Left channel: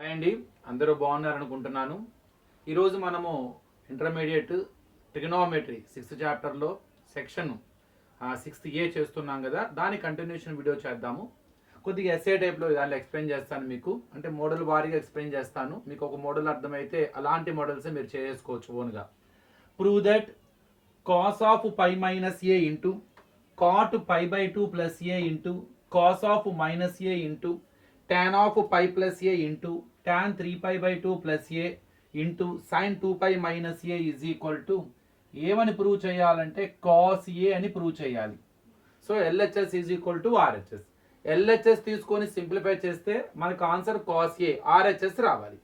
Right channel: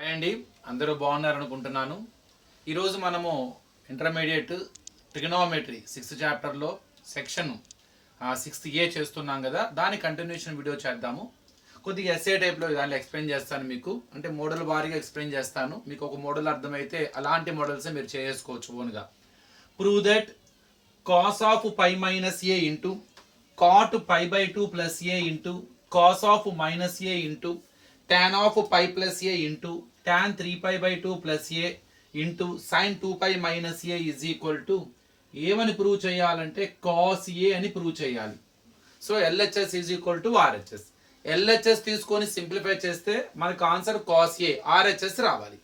హాయ్ అండి, అందరూ బాగున్నారనుకుంటున్నాను. ఈరోజు మనము ఇంటర్మీడియట్ ట్రిగనోమెట్రీ 6th చాప్టర్లో సెక్షన్ 6A చేస్తున్నాం కదా, దాని కంటిన్యూషన్ వీడియో చేద్దాము. కొద్దిగా ఎస్ఏ టైప్లో దాన్ని ఎక్స్ప్లెయిన్ చేస్తాను మీకు, అంటే మోడల్ వారీగా ఎక్స్ప్లెయిన్ చేస్తాను. మీకు ఒక మోడల్ అర్థమైతే అలాంటి మోడల్సే మీరు చేసుకోవచ్చు ఓన్గా. Prove that cos of pi minus a into cot pi by 2 plus a into cos of minus a into tan of pi plus a into tan 3 pi by 2 plus a into sin 2 pi minus a is equal to ఏమని ప్రూవ్ చేయాలంటే cos a అని prove చేయాలి. So LHS is equal to RHS. LHS తీసుకొని సింప్లిఫై చేస్తే మనకు answer cos a, RHS రావాలి.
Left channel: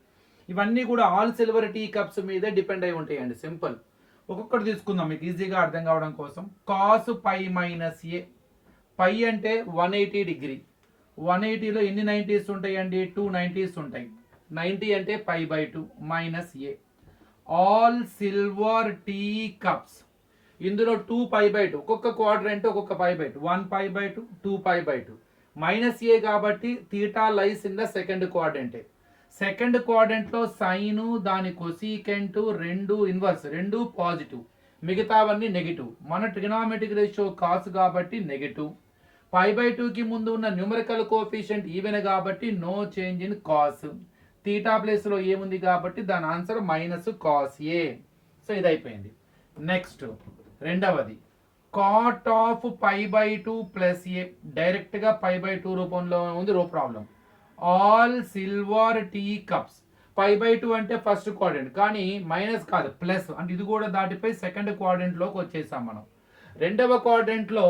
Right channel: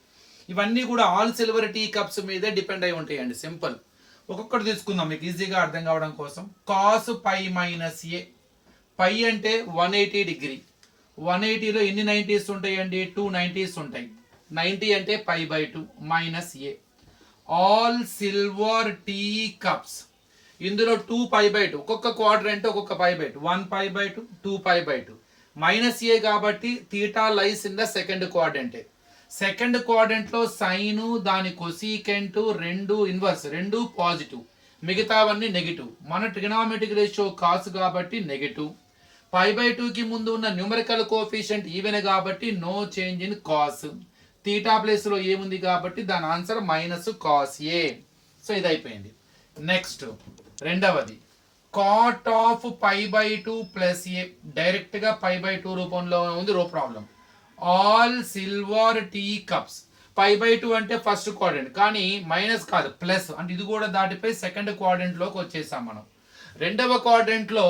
ఇవన్నీ కూడా ఆల్ సిల్వర్ టీ కప్స్ మీదే డిపెండ్ అయి ఉంటాయండి. సింపుల్. ఒక్కొక్కటి తీసుకుందాం మీకు ఈజీగా అర్థం కావడం కోసం. కాస్ పై మైనస్ ఏ, పై అంటే 180 డిగ్రీ. 180లో ఎన్ని 90s ఉంటాయండి? 2 90s ఉంటాయి. 90 అంటే pi by 2 minus a. All silver tea cups, ఇందులో 2 పై బై 2, ఒక్కొక్క క్వాడ్రంట్ ఒక్కొక్క pi by 2, 1 pi by 2, 2 pi by 2. Minus a కాబట్టి theta lies in the second క్వాడ్రంటే. సెకండ్ క్వాడ్రంట్లో సైను, దాని కొసీకెంట్, రెండు ఇన్వర్స్, రెండు పాజిటివ్, మిగతావన్నీ నెగిటివ్. మన ట్రిగనామెట్రిక్ రేషియో కాస్ కాబట్టి నెగిటివ్. పై బై 2కి ముందు ఉన్న న్యూమరికల్ కోఎఫిషియంట్ ఈవెన్ కాబట్టి no change in cos. Theta ప్లేస్లో ఏముంది కాబట్టి దాని answer minus cos a. So ఇది అయిపోయింది. నెక్స్ట్ రెండవది cot of pi by 2 plus a. డైరెక్ట్గా పై బై 2 రూపంలో ఉంది రో problem. All silver tea cups, pi by 2 అంటే ఫస్ట్ క్వాడ్రంట్, కానీ మైనస్ కాదు ప్లస్, అంటే ఇది కూడా దాటిపోయి సెకండ్ క్వాడ్రంట్లోకి వచ్చేసాం మనం. రెండవ క్వాడ్రంట్లో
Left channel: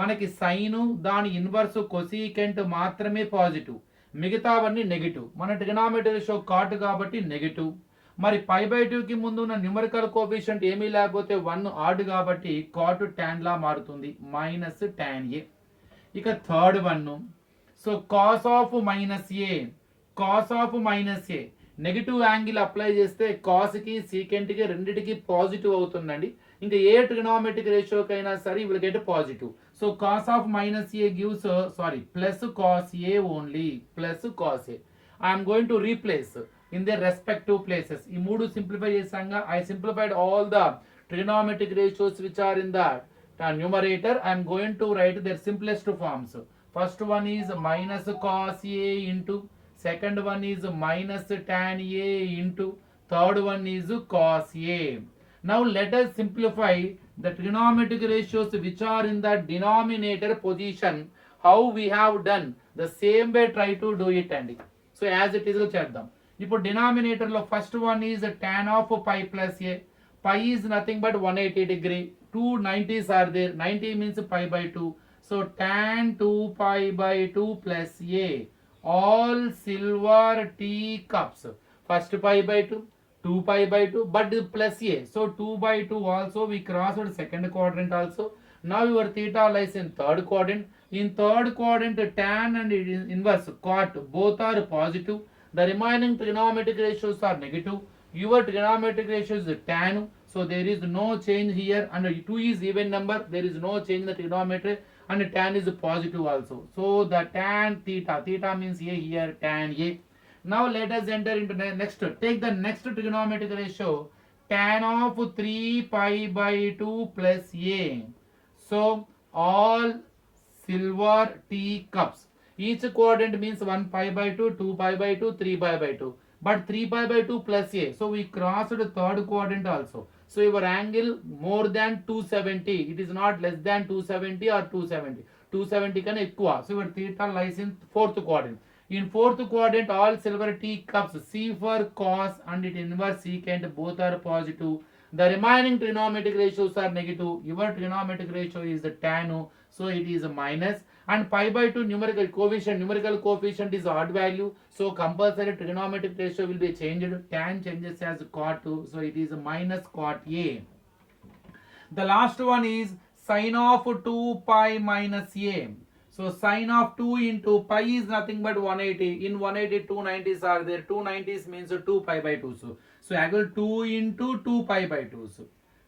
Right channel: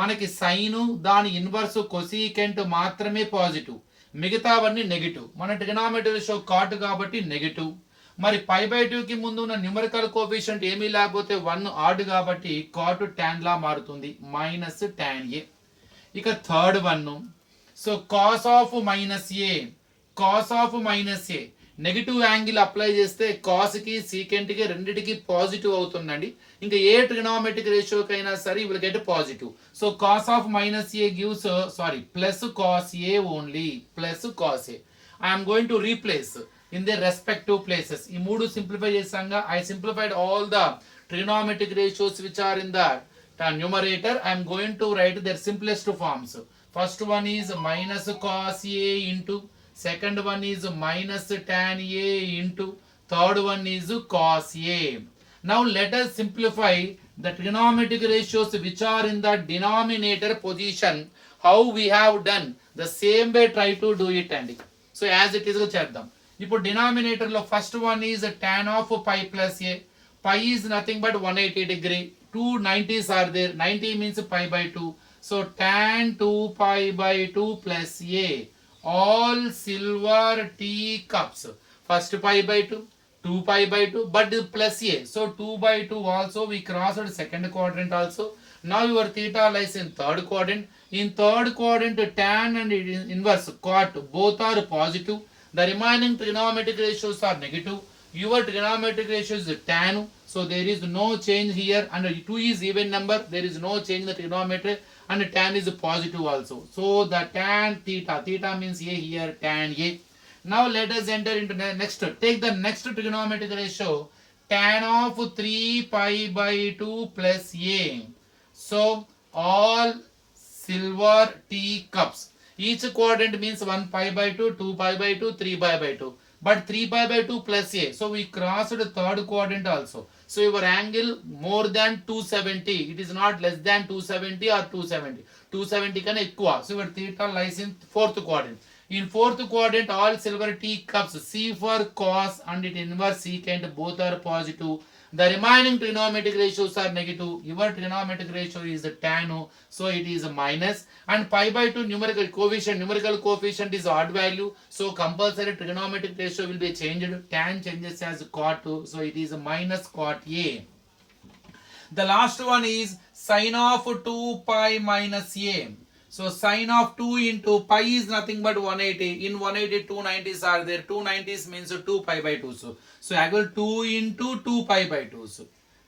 మనకి సైను, దాని ఇన్వర్స్ కొసీకెంట్ మాత్రమే పాజిటివ్, మిగతావన్నీ నెగిటివ్. మన ట్రిగనామెట్రీ రేషియో కాట్ కాబట్టి నెగిటివ్. మరి పై బై 2కి ముందు ఉన్న న్యూమరికల్ కోఎఫిషియంట్ ఏమీ లేకపోతే 1 ఆడ్ కాబట్టి కాట్ టాన్ లా మారుతుంది, మైనస్ టాన్ ఏ. ఇక third one, so cos of minus A, cos of minus A negative angle apply చేస్తే కాస్కి సీకెంట్కి రెండింటికి పాజిటివ్ అవుతుందండి. ఇంకా ఏ ట్రిగనామెట్రిక్ రేషియోకి అయినా సరే will get positive. So cos of minus a gives plus cos a only, plus cos a. I'm going to replace in the respective places. ఈ మూడు సింప్లిఫై చేసాంగా. I simplified all the trigonometric ratios which are in the numerator. I am going to write their simplest forms. First one is minus cos a into, second one is minus tan a into, third one is cos a. Now let us simplify the trigonometric ratios which are in the denominator position. How we have done the same way, try to do it అండి. So as it is చేద్దాం. ఇప్పుడు డినామినేటర్ లో first one is tan of pi plus a. Pi is nothing but 180 degree. 2 90s are there. 90 means pi by 2. So tan 2 pi by 2 plus a. All silver tea cups. First pi by 2, 2 pi by 2, but plus a. So 2 by 2 also we crossed second quadrant also. Now your theta lies in third quadrant. In third quadrant, tan and inverse cot both are positive. The remaining trigonometric ratios are negative. Your trigonometric ratio is tan, so there is no change here, and 2 is even number, there is no change in the trigonometry, and tan is positive also. So the tan theta, theta means a here, tan a. Now let us enter into next. Take the next trigonometric ratio, tan of 3 pi by 2 plus a. So all silver tea cups, each quadrant means 1 pi by 2, 2 pi by 2, 3 pi by 2. But 3 pi by 2 plus a. So we crossed the third quadrant also. So your angle more than 270. It is not less than 270 or 270. 270 can equal. So your theta lies in fourth quadrant. In fourth quadrant, all silver tea cups, C for cos and its inverse secant, both are positive. The remaining trigonometric ratios are negative. Your trigonometric ratio is tan, so it is minus. And pi by 2 numerical coefficient is odd value, so compulsory trigonometric ratio will be changed. Tan changes as cot, so it is minus cot a. The last one is sin of 2 pi minus a. So sin of 2 into pi is nothing but 180. In 180, 2 90s are there. 2 90s means 2 pi by 2. So I will 2 into 2 pi by 2.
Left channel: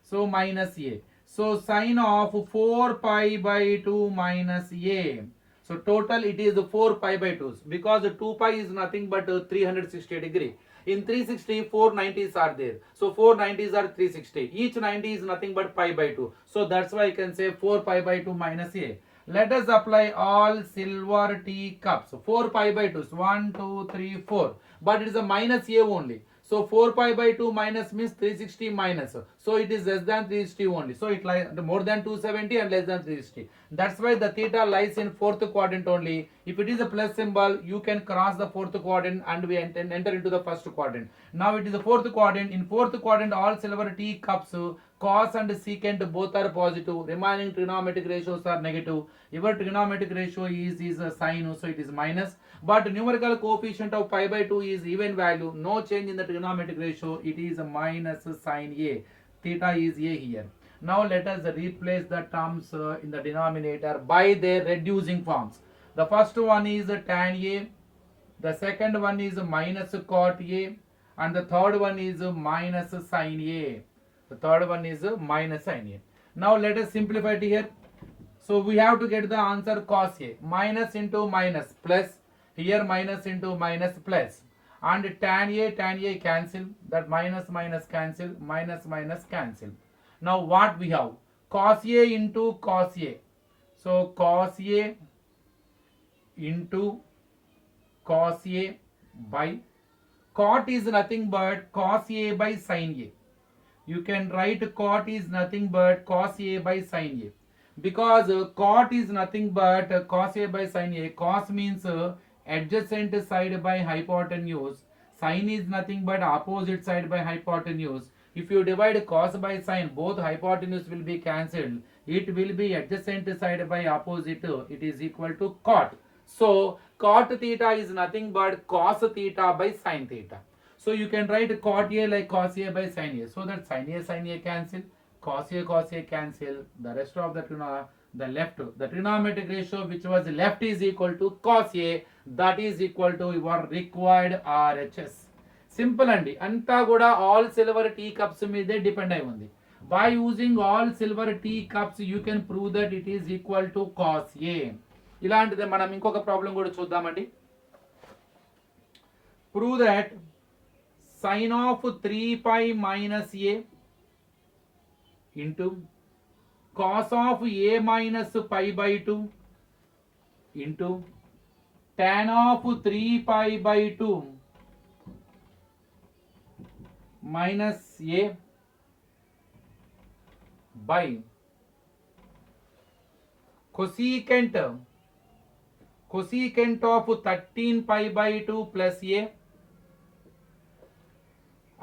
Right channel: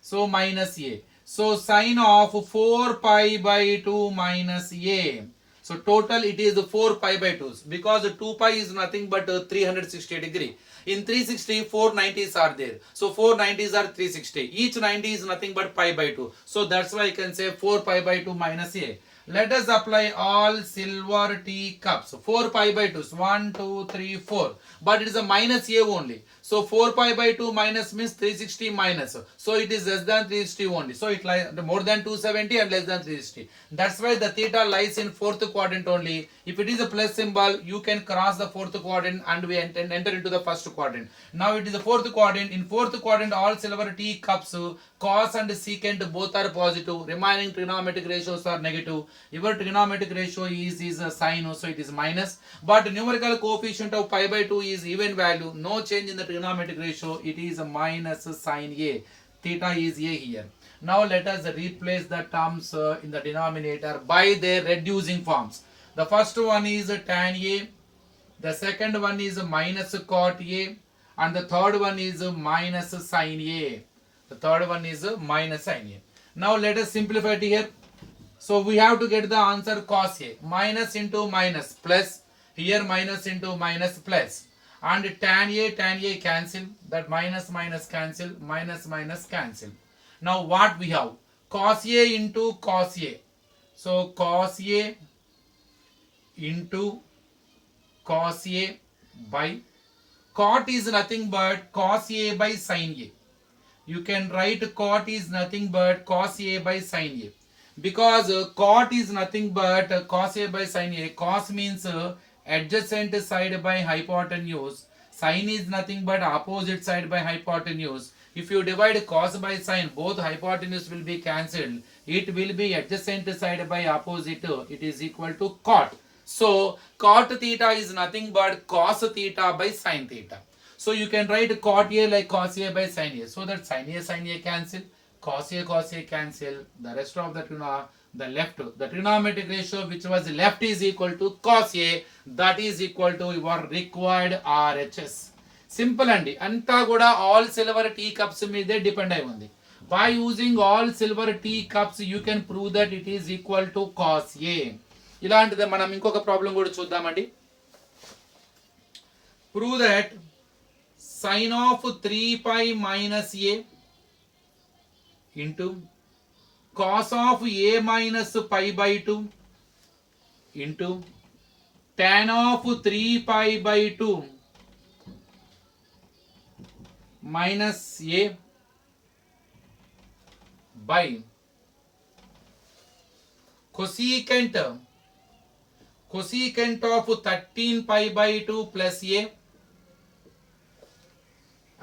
So minus a. So sin of 4 pi by 2 minus a. So total it is 4 pi by 2s, because 2 pi is nothing but 360 degree. In 360, 4 90s are there. So 4 90s are 360. Each 90 is nothing but pi by 2. So that's why I can say 4 pi by 2 minus a. Let us apply all silver teacups. 4 pi by 2s. 1, 2, 3, 4. But it is a minus a only. So 4 pi by 2 minus means 360 minus. So it is less than 360 only. So it lies more than 270 and less than 360. That's why the theta lies in fourth quadrant only. If it is a plus symbol, you can cross the fourth quadrant and we enter into the first quadrant. Now it is the fourth quadrant. In fourth quadrant, all silver teacups, cos and secant both are positive. Remaining trigonometric ratios are negative. Your trigonometric ratio is a sine, so it is minus. But numerical coefficient of pi by 2 is even value. No change in the trigonometric ratio. It is a minus sine a. Theta is a here. Now let us replace the terms in the denominator by their reducing forms. The first one is tan a. The second one is minus cot a. And the third one is minus sine a. The third one is minus sine a. Now let us simplify it here. So we have to get the answer cos a. Minus into minus plus. Here minus into minus plus. And tan a cancel. That minus minus cancel. Minus minus cancel. Now what we have? Cos a into cos a. So cos a into cos a by cot is nothing but cos a by sin a. You can write cot is nothing but cos a by sin a. Because cot is nothing but cos a by sin a. Cos means adjacent side by hypotenuse. Sin is nothing but opposite side by hypotenuse. If you divide cos by sin, both hypotenuse will be cancelled. It will be adjacent side by opposite. It is equal to cot. So cot theta is nothing but cos theta by sin theta. So you can write cot a like cos a by sin a. So that sin a cancel. Cos a cancel. The rest of the left, the trigonometric ratio which was left is equal to cos a. That is equal to your required RHS. Simple andi. Anta kuda all silver teacups meede depend ayi undi. By using all silver teacups, you can prove that it is equal to cos a. ఇలాంటిదే మనం ఇంకొక ప్రాబ్లం కూడా చూద్దామండి. Prove that sin of 3 pi minus a into cos of a minus pi by 2 into tan of 3 pi by 2 minus a by cosecant of 13 pi by 2 plus a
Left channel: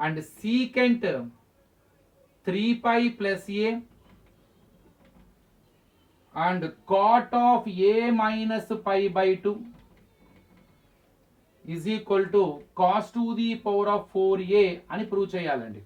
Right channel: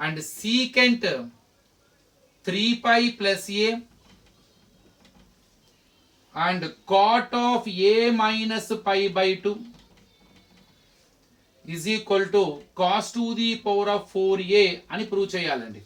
and secant 3 pi plus a and cot of a minus pi by 2 is equal to cos to the power of 4a అని ప్రూవ్ చేయాలండి.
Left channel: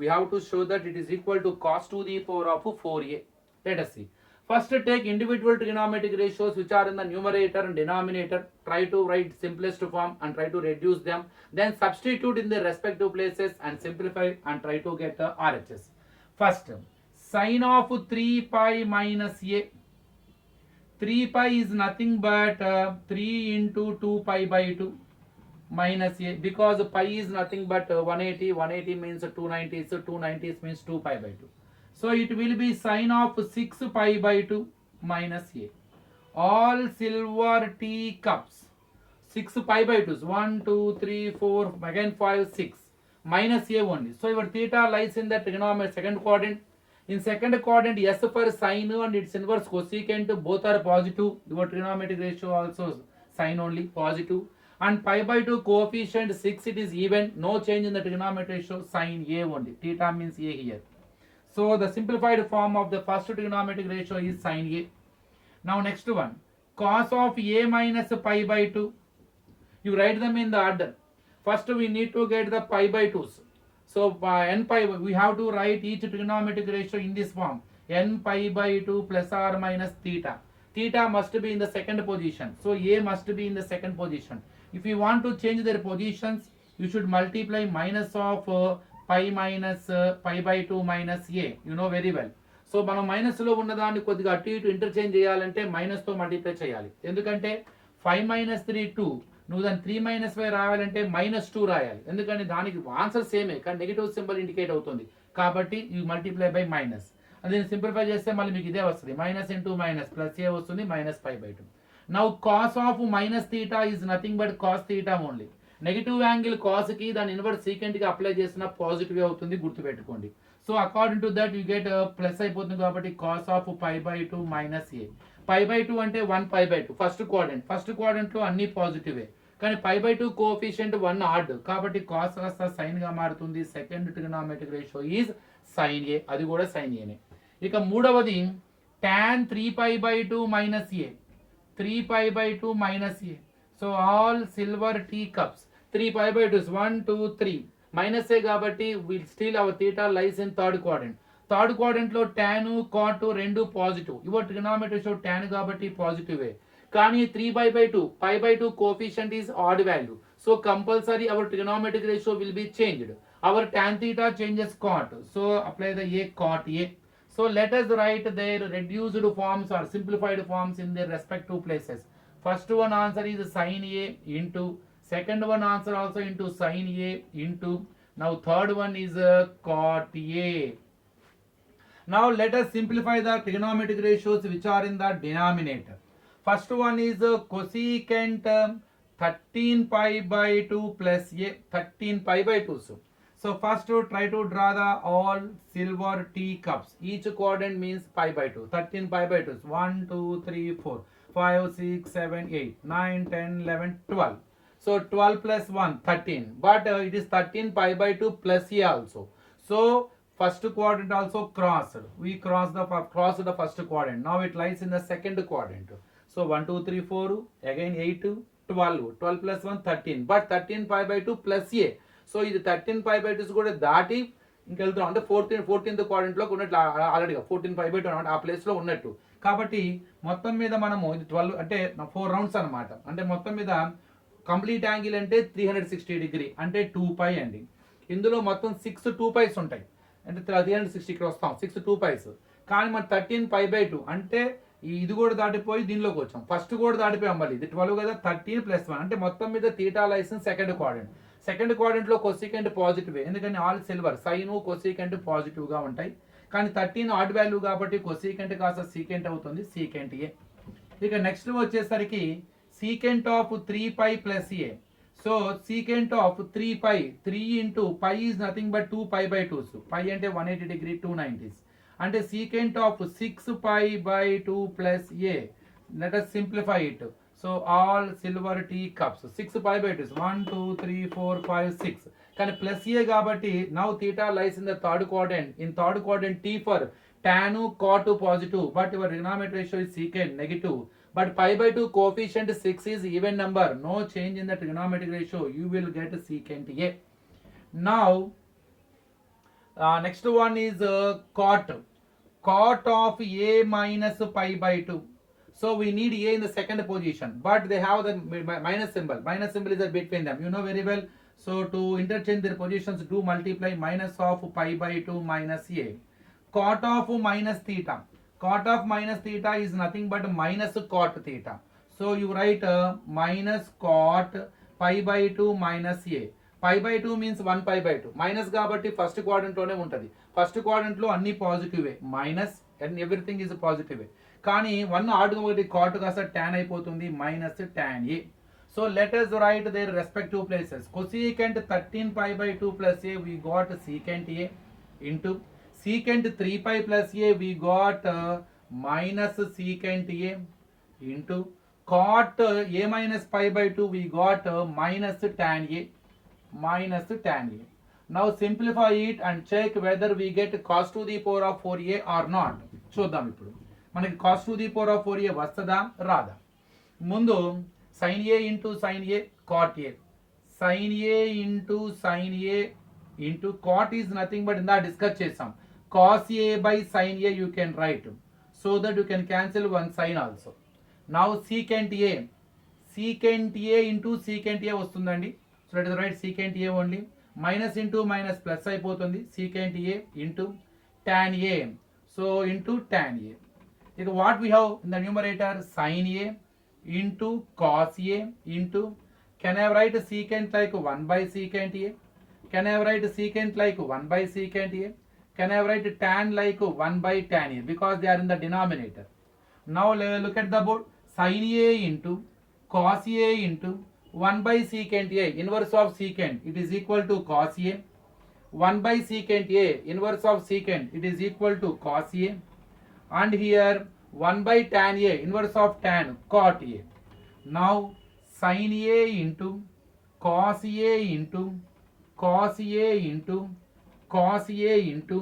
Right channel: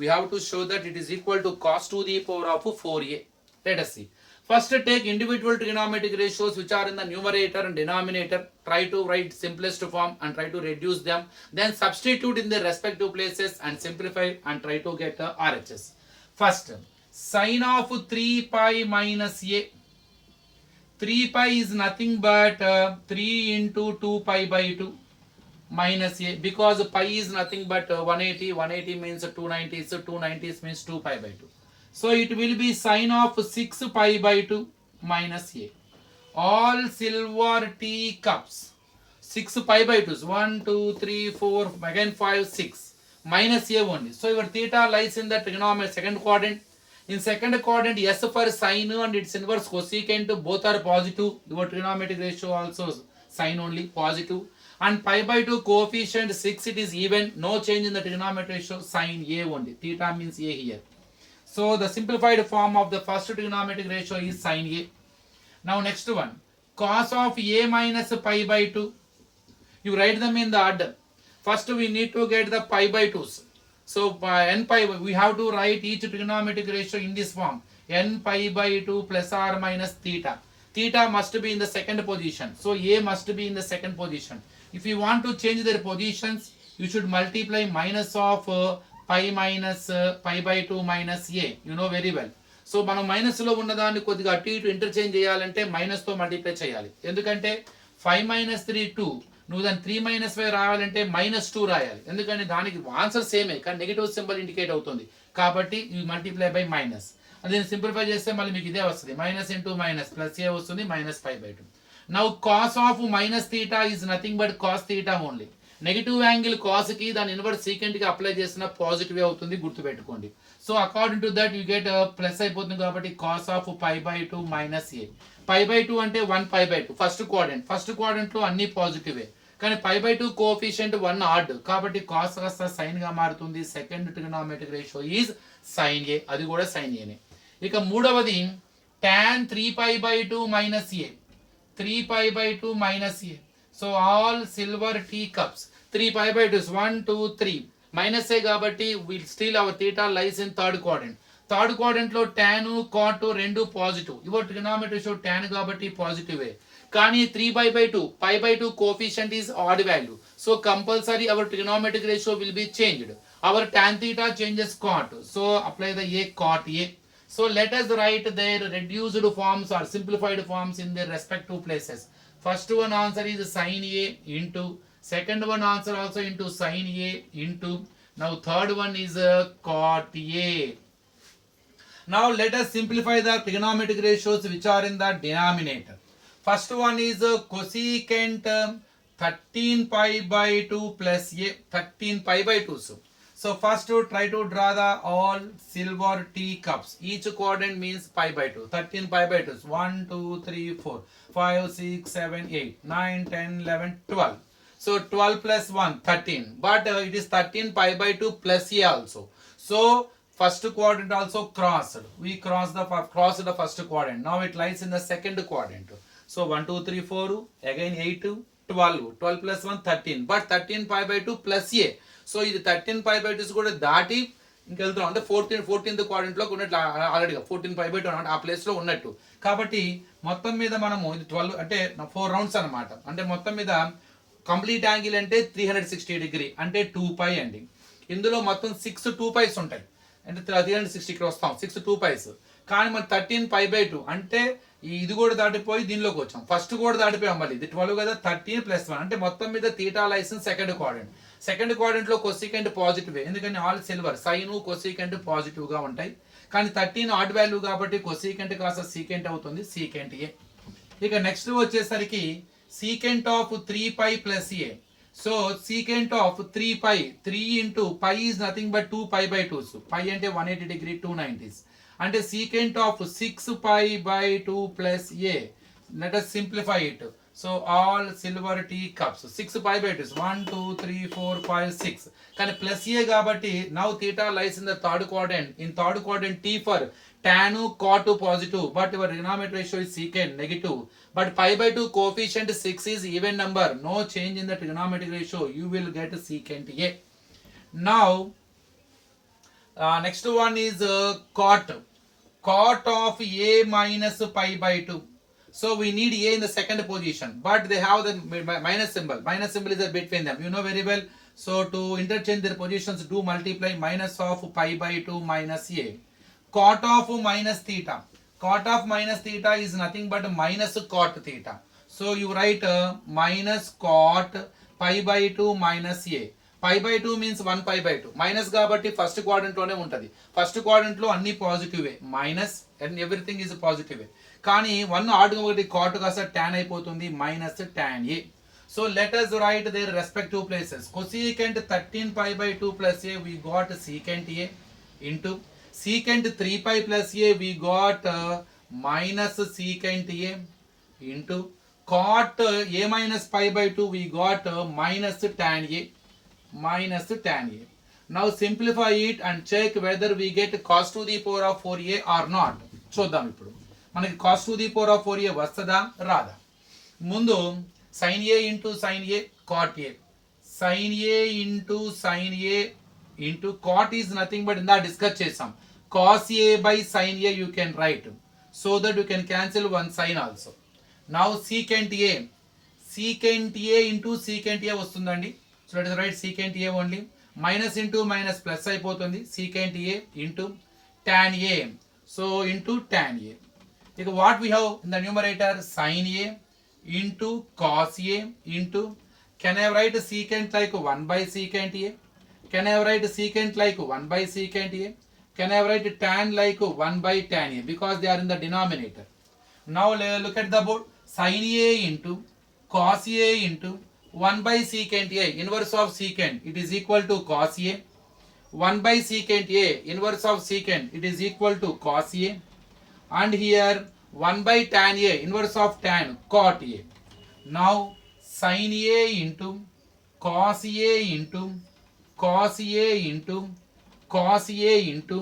We have to show that it is equal to cos to the power of 4a. Let us see. First take individual trigonometric ratios which are in the numerator and denominator. Try to write simplest form and try to reduce them. Then substitute in their respective places and simplify and try to get RHS. First, sin of 3 pi minus a. 3 pi is nothing but 3 into 2 pi by 2 minus a, because pi is nothing but 180. 180 means 290, so 290 means 2 pi by 2. So it will be sin of 6 pi by 2 minus a. All silver teacups. 6 pi by 2s. 1, 2, 3, 4, again 5, 6. Minus a only. So your theta lies in the trigonometry second quadrant. In second quadrant, S for sin and its inverse cosecant both are positive. Your trigonometric ratio also sin only positive. And pi by 2 coefficient 6, it is even. No change in the trigonometric ratio, sin a only. Theta means a here. So the simplified form of the first trigonometric ratio is sin a. Now next one, cos of a minus pi by 2. You write them in the order. First we need to get the pi by 2s. So n pi, we have to write each trigonometric ratio in this form. N pi by 2 plus or minus theta. Theta must be in the second position. So a must be in the second position. If you want to change their positions, you should multiply minus of pi minus pi by 2 minus a. You know very well. So మనం మైనస్లో ఉన్నదాన్ని కొద్దిగా అటు ఇటు ఇంటర్చేంజ్ చేయాలంటే మైనస్తో మల్టిప్లై చేయాలి. ఎందుకంటే 5 - 3 2, నువ్వు దాన్ని 3 - 5 రాయాలంటే -2 రాయాలి. ఎందుకంటే దానికి ఆన్సర్ సేమే కానీ నెగిటివ్ సింబల్ ఇండికేట్ అవుతుంది కాబట్టి ఈ మల్టిప్లై బై మైనస్. దీన్ని సింప్లిఫై చేస్తే మళ్ళీ మీకు ఇదే వస్తుంది, minus into minus plus a వస్తుంది, -5/2. Now cos of -θ is nothing but cos θ only. Negative angle కాస్కి దాని ఇన్వర్స్ సీకెంట్కి అప్లై చేసిన పాజిటివ్ అవుతుంది, గుర్తుపెట్టుకోండి. So according to that you get plus అయిపోతుంది కాబట్టి కాస్ ఆఫ్ π/2 - a. π/2 అంటే 1π/2 ఫస్ట్ క్వాడ్రంట్ లో అన్ని పాజిటివే కానీ π/2 కోఎఫిషియంట్ 1 ఆడ్ కాబట్టి కాస్ కాస్త సైన్ గా మారుతుంది. Second trigonometric ratio is sin a, అది కూడా sin a నే. ఇక మూడవది tan 3π/2 - a, 3π/2 - a. So all silver tea cups 3π/2 1 2 3 minus a కాబట్టి will still our theta lies in third quadrant లో tan cot రెండు positive. Your trigonometry show tan కాబట్టి positive కానీ 3π/2 π/2 coefficient is odd value. So compulsory our trigonometric ratio will be changed. Our tan theta changes cot, so apply the a cot a. So let us write their reduced forms or simplified forms in their respective places. First one answer is sin a into, second one answer also into sin a into, now third one is cot a. Now let us simplify the trigonometric ratios which are in the denominator. First one is cosecant 13π/2 plus a, 13π/2. So first try to draw the all silver tea cups. Each quadrant means π/2. 13π/2. 1 2 3 4 5 6 7 8 9 10 11 12. So 12 plus 1 13. But it is 13π/2 plus a also. So first quadrant also crossed. We crossed the first quadrant. Now it lies in the second quadrant. So 1 2 3 4 again 8 12. 12 plus 1 13. But 13π/2 plus a. So ఇది 13π/2 కూడా దాటి ఇంకెళ్తున్నాం అంటే 14th క్వాడ్రంట్లో ఉన్నట్లు ఆల్రెడీగా 14π/2 అనమాట ఆ ప్లేస్లో ఉన్నట్టు. కాబట్టి మొత్తం మీద మనము ఇది 12 అంటే 4 రౌండ్స్ అనమాట. అంటే మొత్తం మీద కంప్లీట్ యాంగిల్ అంటే 360 డిగ్రీ అంటే 2π అండి. ఇందులో మొత్తం 6 2πs ఉంటాయి అంటే 360 ఇక్కడ వస్తాం 6 2πs. కానీ మన 13π/2 అంటే ఇది కూడా దాటిపోయి దీనిలోకి వచ్చాం. ఫస్ట్ కూడా దాటిపోయాం మళ్ళీ ఇది 12 కదా 13 + 1 అంటే మొత్తం మీద థీటా లైసెన్స్ సెకండ్ క్వాడ్రంట్ లో కొసీకెంట్ పాజిటివ్ ఎందుకని all silver sine cosecant positive గా ఉంటాయి. కానీ 13 ఆడ్ వాల్యూ కాబట్టి కొసీకెంట్ కాస్త సీకెంట్ అవుతుంది, సీకెంట్ ఏ. ఇక నెక్స్ట్ వచ్చేసరికి secant of 3π + a. So secant of 3π 3 into π is nothing but 2π/2. π అంటే 180 డిగ్రీ 290s అంటే secant of 6π/2 plus a. Let us simplify it. So all silver tea cups 6π/2 1 2 3 4 5 6 కానీ ప్లస్ ఏ కాబట్టి now theta lies in the third quadrant. In third quadrant T for tan cot positive but your trigonometric ratio is secant negative. But π/2 coefficient 6 is even number, no change in the trigonometric ratio, you will get secant a. Now next one is cot of a minus π/2. So we need a in the second position but they have the minus symbol is there between them, you know very well. So to interchange their positions do multiply minus of π/2 minus a. Cot of minus theta is nothing but minus cot theta. So you write minus cot π/2 minus a. π/2 means 1π/2 మైనస్ కాబట్టి first quadrant లోనే ఉంటది. First quadrant లో అన్ని పాజిటివే minus and everything is పాజిటివే. కానీ 1 ఆడ్ ఒకటి కాట్ కాస్త tan అయిపోతుంది minus tan a. So let us write their respective places. Cosecant 13π/2 plus a we got secant a into secant 3π plus a we got minus secant a into cot a minus π/2 we got minus tan a. Now simplify it and check whether we get cos to the power of 4a or not. చూద్దాం ఇప్పుడు మనకి cos to the power of 4a వస్తదా రాదా. ముందు sin a into sin a cot a, sin a into sin a into cot is nothing but ఇందా డిస్కస్ చేసాం cos a by sin a you can write so that you can cancel one sin also. Now secant a into secant a వస్తుందండి. So let us write secant a only. Minus into minus plus అయిపోతుంది secant a into tan a. So into tan A. What we have in the numerator, sin A into cos A into, can I write secant like 1 by secant A? Can I write secant like 1 by secant A? Can I write tan like 1 by tan A? Because they are in the denominator. Now look at the board. Sin A into cos A into 1 by secant A, inverse of secant, it is equal to cos A. 1 by secant A, inverse of secant, it is equal to cos A. And here 1 by tan A, inverse of tan, cot A. Now sin A into cos A into cos A into cos A into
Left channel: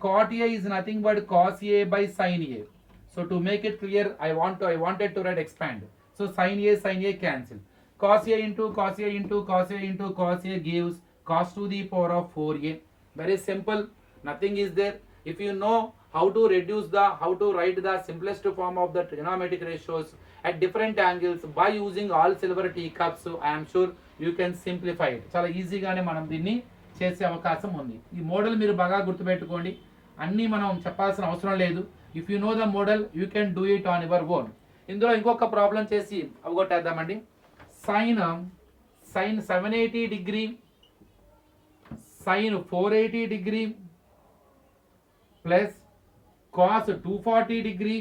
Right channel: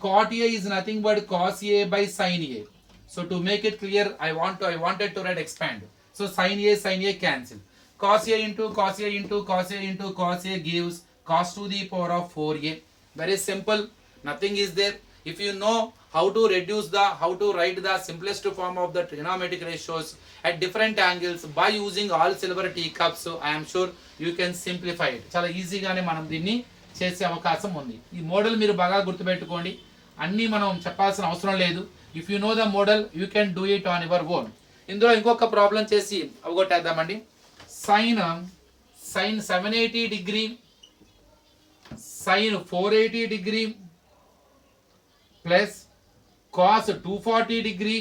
cot A is nothing but cos A by sin A. So to make it clear, I wanted to write expand. So sin A cancel. Cos A into cos A into cos A into cos A gives cos to the power of 4A. Very simple. Nothing is there. If you know how to write the simplest form of the trigonometric ratios at different angles by using all silver teacups, I am sure you can simplify it. చాలా ఈజీగానే మనం దీన్ని చేసే అవకాశం ఉంది. ఈ మోడల్ మీరు బాగా గుర్తుపెట్టుకోండి. అన్నీ మనం చెప్పాల్సిన అవసరం లేదు. If you know the model you can do it on your own. ఇందులో ఇంకొక ప్రాబ్లం చేసి అవగొట్టేద్దామండి. Sine 780 degree, sine 480 degree plus cos 240 degree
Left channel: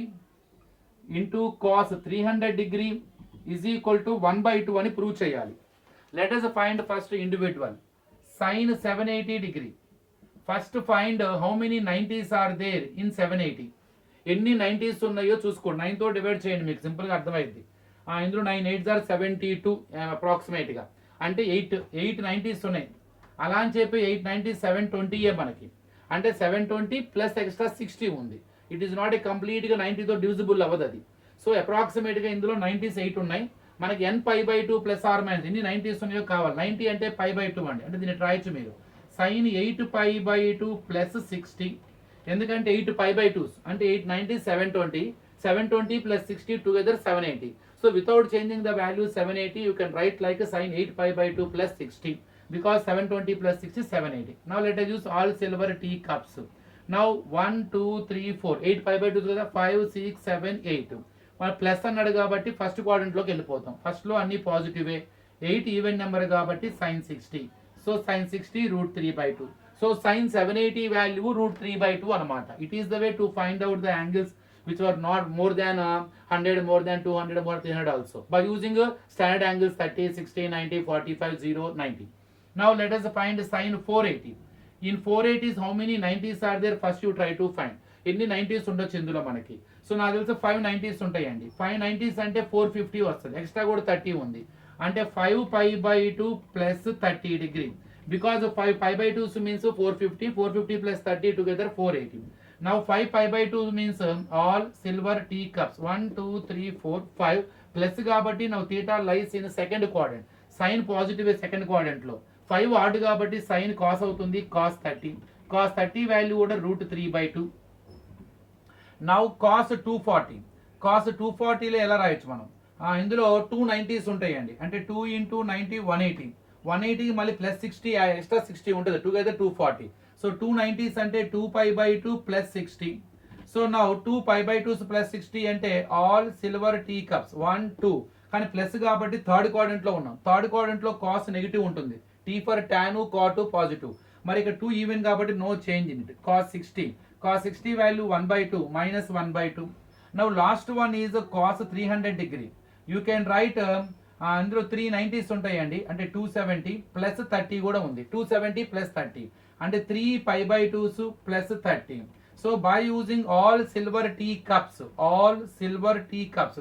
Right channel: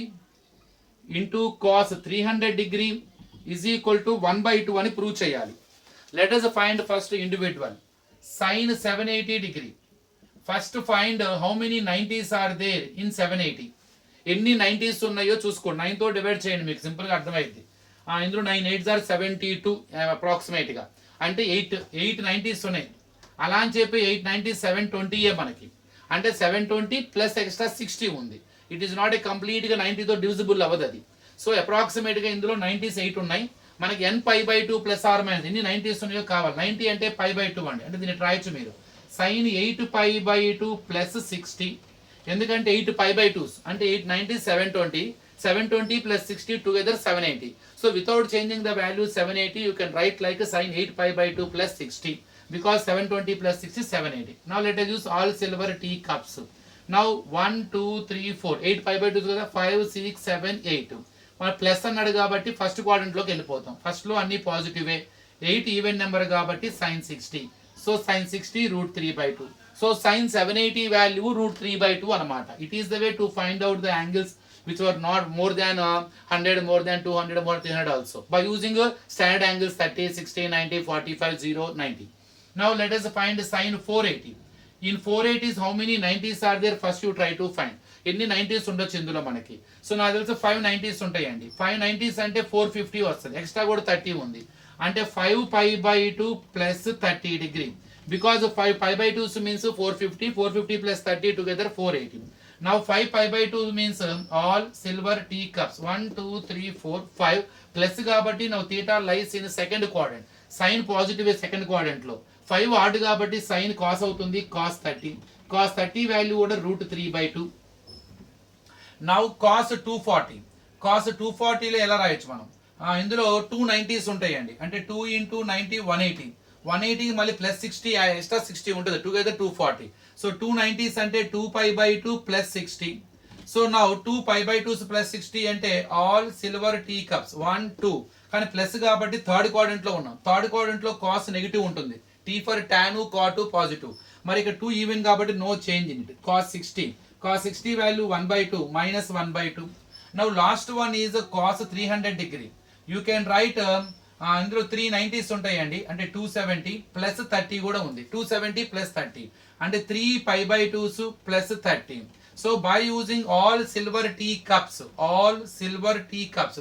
into cos 300 degree is equal to 1/2 అని ప్రూవ్ చేయాలి. Let us find first individual. Sine 780 degree. First find how many 90s are there in 780. ఎన్ని 90s ఉన్నాయో చూసుకోండి. 9 తో డివైడ్ చేయండి, మీకు సింపుల్గా అర్థమైంది. ఇందులో 9 8s ఆర్ 72 అప్రాక్సిమేట్గా, అంటే 8 90s ఉన్నాయి. అలా అని చెప్పి 8 90 720 మనకి, అంటే 720 ప్లస్ ఎక్స్ట్రా 60 ఉంది. ఇట్ ఈస్ నాట్ ఏ కంప్లీట్గా 90తో డివిజిబుల్ అవ్వదు అది. సో అప్రాక్సిమేట్గా ఇందులో 90s 8 ఉన్నాయి. మనకి n π/2 ప్లస్ ఆర్ మైనస్ ఎన్ని 90s ఉన్నాయో కావాలి. 90 అంటే π/2 అండి, అంటే దీన్ని రాయొచ్చు మీరు. సైన్ 8 π/2 ప్లస్ 60, ఎందుకంటే 8 π/2 అంటే 8 90 720 plus 60 together 780. So without changing the value 780 you can write like sine 8 π/2 plus 60. Because 720 plus 60 780. Now let us use all silver teacups. Now 1 2 3 4 8 π/2 కదా, 5 6 7 8. మన ప్లస్ అన్నాడు కాబట్టి ఫస్ట్ క్వాడ్రంట్లోకి వెళ్ళిపోతాం. ఫస్ట్లో అన్ని పాజిటివే. 8 ఈవెన్ నెంబర్ కాబట్టి sine 60. So sine 60 √3/2. So sine 780 value √3/2 అనమాట. It is the way to find out the angles which were not more than 100, more than 200, more than 300 also by using standard angles 30, 60, 90, 45, 0, 90. Now let us find sin 480. In 480s how many 90s are there? First you try to find ఎన్ని 90s ఉండొచ్చు ఇందులో మనకి. సో నాకు తెలిసి 5 90s ఉంటాయండి. 5 90s అంటే 450 వస్తుంది, ఎక్స్ట్రా కూడా 30 ఉంది, అంటే 5 π/2 plus 30 degree. Because 5 π/2 means 450 plus 30 together 480. Now 5 π/2 means all silver teacups 1 2 3 4 5 plus కాబట్టి now theta lies in second quadrant. Sine positive second quadrant లో, 5 ఆడ్ కాబట్టి సైన్ కాస్ అవుతుంది, కాస్ 30 వాల్యూ కూడా √3/2. నౌ కాస్ 240 లో ఎలా రాయొచ్చు మనం? ఇందులో 2 90s ఉంటాయండి, అంటే 2 × 90 180 మళ్ళీ ప్లస్ 60 ఎక్స్ట్రా 60 ఉంటుంది, టుగెదర్ 240. సో 2 90s అంటే 2 π/2 ప్లస్ 60. సో నౌ 2 π/2 ప్లస్ 60 అంటే ఆల్ సిల్వర్ టీ కప్స్ 1 2, కానీ ప్లస్ కాబట్టి థర్డ్ క్వాడ్రంట్ లో ఉన్నాం. థర్డ్ క్వాడ్రంట్ లో కాస్ నెగిటివ్ ఉంటుంది, T for tan, cot positive. మరి ఇక్కడ 2 ఈవెన్ కాబట్టి no change in it. Cos 60 value 1/2 minus 1/2. Now last one is cos 300 degree. You can write, ఇందులో 3 90s ఉంటాయండి, అంటే 270 ప్లస్ 30 కూడా ఉంది. 270 ప్లస్ 30 అంటే 3 π/2 plus 30. So by using all silver teacups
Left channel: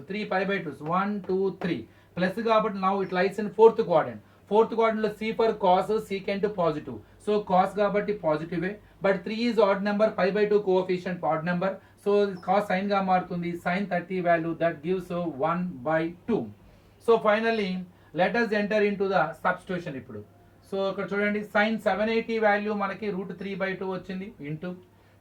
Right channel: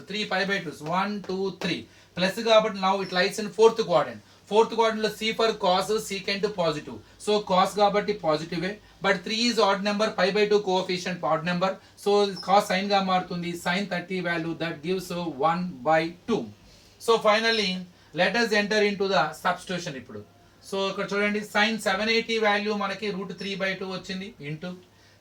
3 π/2 1 2 3 plus కాబట్టి now it lies in fourth quadrant. Fourth quadrant లో C for cos, secant positive. So cos కాబట్టి పాజిటివే, but 3 is odd number, π/2 coefficient odd number. So cos sin గా మారుతుంది, sin 30 value that gives 1/2. So finally let us enter into the substitution ఇప్పుడు. So ఇక్కడ చూడండి, sin 780 వాల్యూ మనకి √3/2 వచ్చింది, ఇంటూ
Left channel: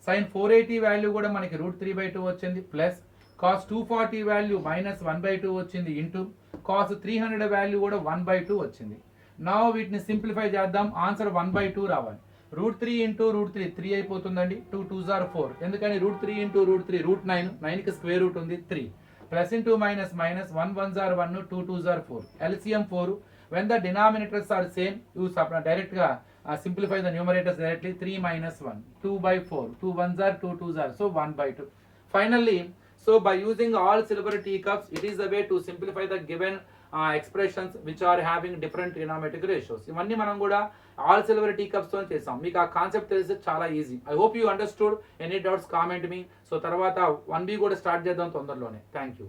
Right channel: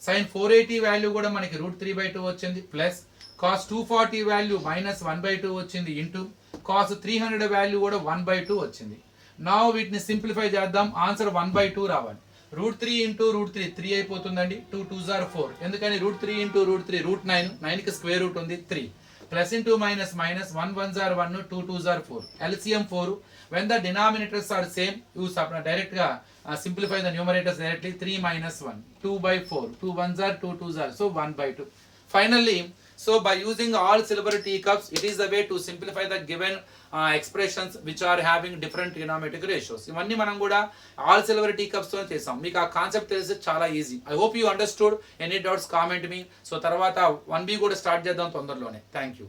sin 480 వాల్యూ కూడా మనకి √3/2 వచ్చింది, ప్లస్ cos 240 వాల్యూ మైనస్ 1/2 వచ్చింది, ఇంటూ cos 300 వాల్యూ కూడా 1/2 వచ్చింది. నా వీటిని సింప్లిఫై చేద్దాం, ఆన్సర్ 1/2 రావాలి. √3 ఇంటూ √3 3 అయిపోతుందండి. 2 2s are 4. ఎందుకని √3 ఇంటూ √3 √9, 9కి స్క్వేర్ రూట్ ఉంది 3. Plus into minus minus, 1 1s are 1, 2 2s are 4. LCM 4. When the denominators are same, you direct గా simplify the numerators directly. 3 minus 1, 2/4. 2 1s are 2 2s are, so 1/2. Finally, so by using all silver teacups, it is the way to simplify the given expressions which are having different trigonometric ratios. ఇవన్నీ మనం కూడా all silver tea cups తో చేసాం. మీకు ఆ కాన్సెప్ట్ తెలిసి చాలా easy. I hope you understood. Any doubts comment మీ. సో తర్వాత 1B కూడా స్టార్ట్ చేద్దాం తొందరలోనే. Thank you.